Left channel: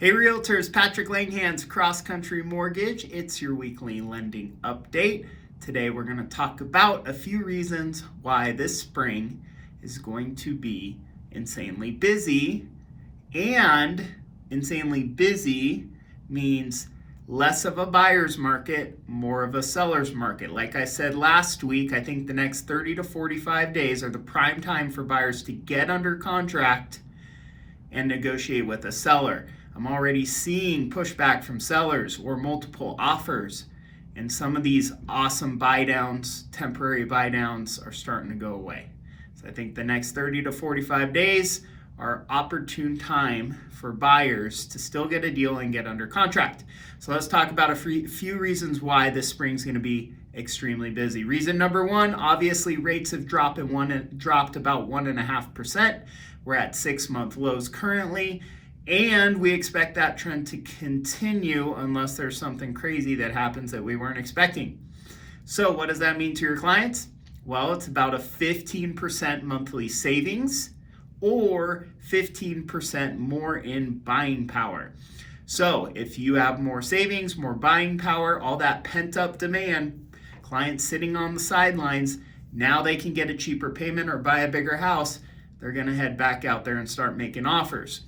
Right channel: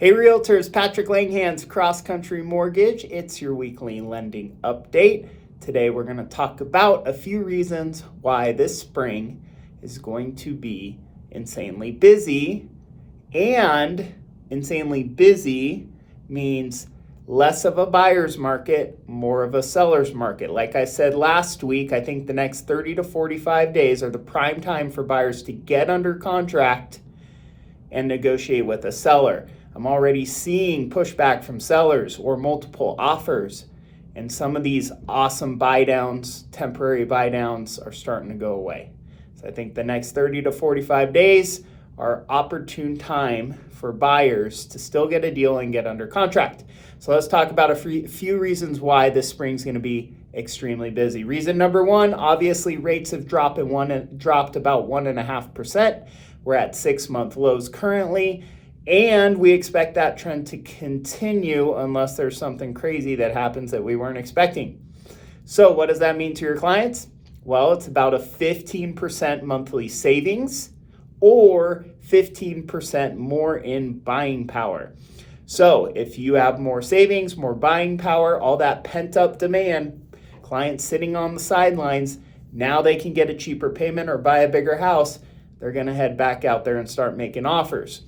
Hey Realtors, Patrick Langhans, Cross Country Mortgage. It's your weekly lending update. Today we're going to talk about a few reasons why this spring is going to be insanely busy. And insanely busy means less of a buyer's market, more of a seller's market. Like I said last week, I think the next 30 to 45 days are the prime time for buyers to get under contract and negotiate with a seller. I'm already seeing pushback from sellers or multiple offers, and some of these awesome buy downs, temporary buy downs, are starting to go away. So I think the next 30 to 45 days are opportune time for buyers to still get a deal and get under contract. So let's talk about a few reasons why this spring's going to be extremely busy. Reason number one, obviously rates have dropped about 1.5%. We're at 6-month lows currently, and we expect that trend to continue unless there's something crazy that happens that we weren't expecting. So what does that mean to your clients? Well, it's about a 15% monthly savings or 15% more in buying power. So if you have more savings, more buying power, all that pent up demand, clients sitting on the sidelines, now they can get a cheaper payment or buy a bigger house. They're going to head back out there and start making offers.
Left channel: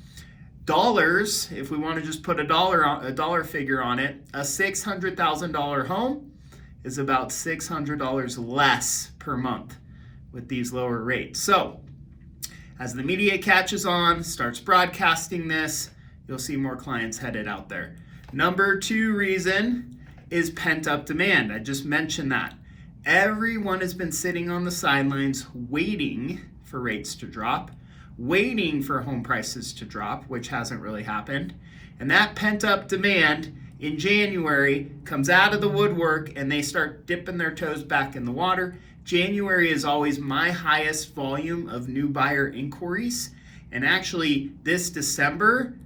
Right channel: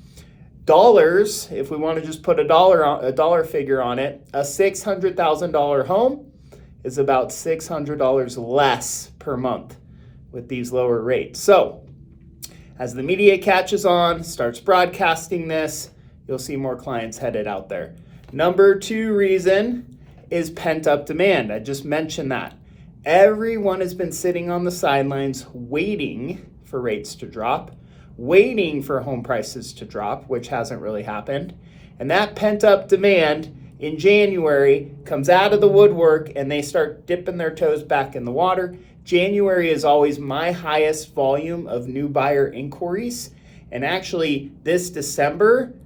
Dollars, if we want to just put a dollar figure on it, a $600,000 home is about $600 less per month with these lower rates. So as the media catches on, starts broadcasting this, you'll see more clients headed out there. Number two reason is pent up demand. I just mentioned that. Everyone has been sitting on the sidelines waiting for rates to drop, waiting for home prices to drop, which hasn't really happened. And that pent up demand in January comes out of the woodwork and they start dipping their toes back in the water. January is always my highest volume of new buyer inquiries. And actually this December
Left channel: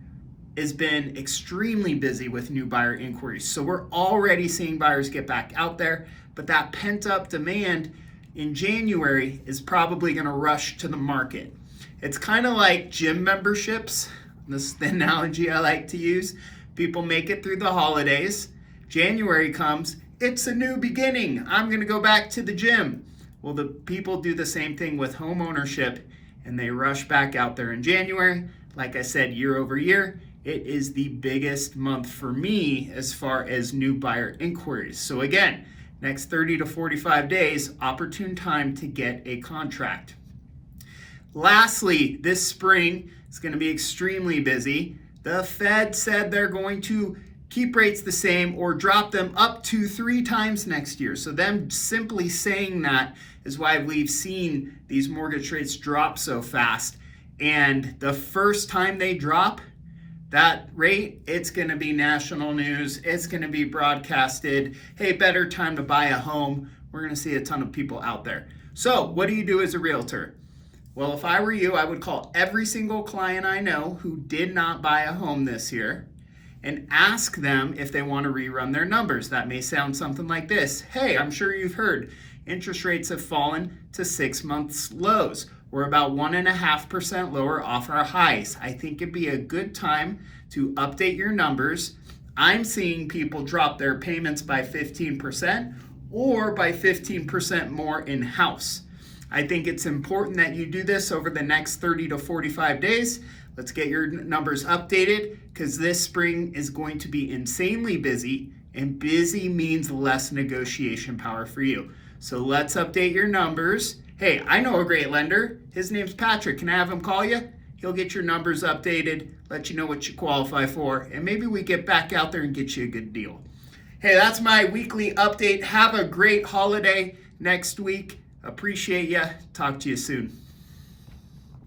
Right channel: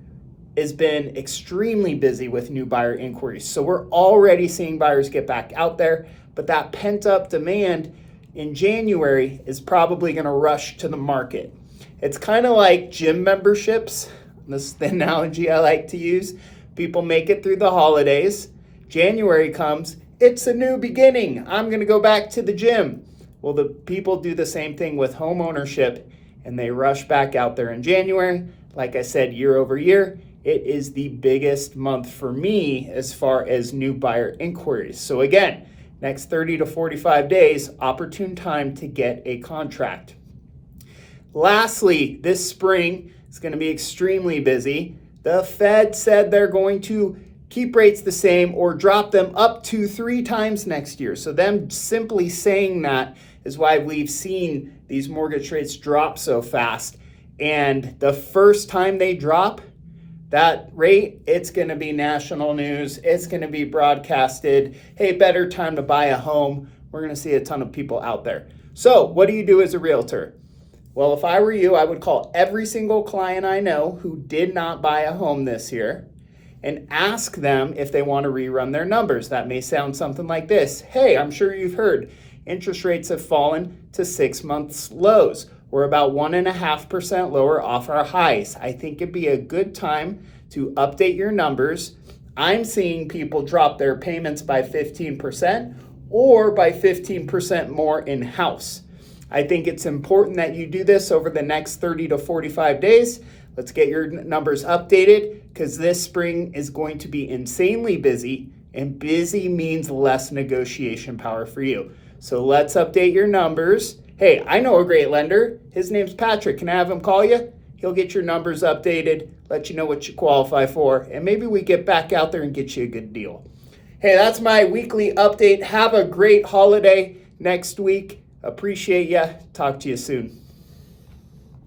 has been extremely busy with new buyer inquiries. So we're already seeing buyers get back out there, but that pent up demand in January is probably going to rush to the market. It's kind of like gym memberships. This is the analogy I like to use. People make it through the holidays. January comes, it's a new beginning. I'm going to go back to the gym. Well, the people do the same thing with home ownership, and they rush back out there in January. Like I said, year over year, it is the biggest month for me as far as new buyer inquiries. So again, next 30 to 45 days, opportune time to get a contract. Lastly, this spring is going to be extremely busy. The Fed said they're going to keep rates the same or drop them up to 3 times next year. So them simply saying that is why we've seen these mortgage rates drop so fast. And the first time they drop that rate, it's going to be national news. It's going to be broadcasted. Hey, better time to buy a home. We're going to see a ton of people out there. So what do you do as a realtor? Well, if I were you, I would call every single client I know who did not buy a home this year and ask them if they want to rerun their numbers. That may sound something like this. Hey, I'm sure you've heard interest rates have fallen to 6 months lows. We're about 1.5% lower off our highs. I think it'd be a good time to update your numbers. I'm seeing people drop their payments by 15% or by 15% more in house. I think it's important that you do this over the next 30 to 45 days. Let's get your numbers updated because this spring is going to be insanely busy, and busy means less negotiation power for you. So let's update your numbers. Hey, I know a great lender. His name's Patrick. Can I have him call you? He'll get your numbers updated, let you know what you qualify for, and maybe we get back out there and get you a good deal. Hey, that's my weekly update. Have a great holiday next week. Appreciate ya. Talk to you soon.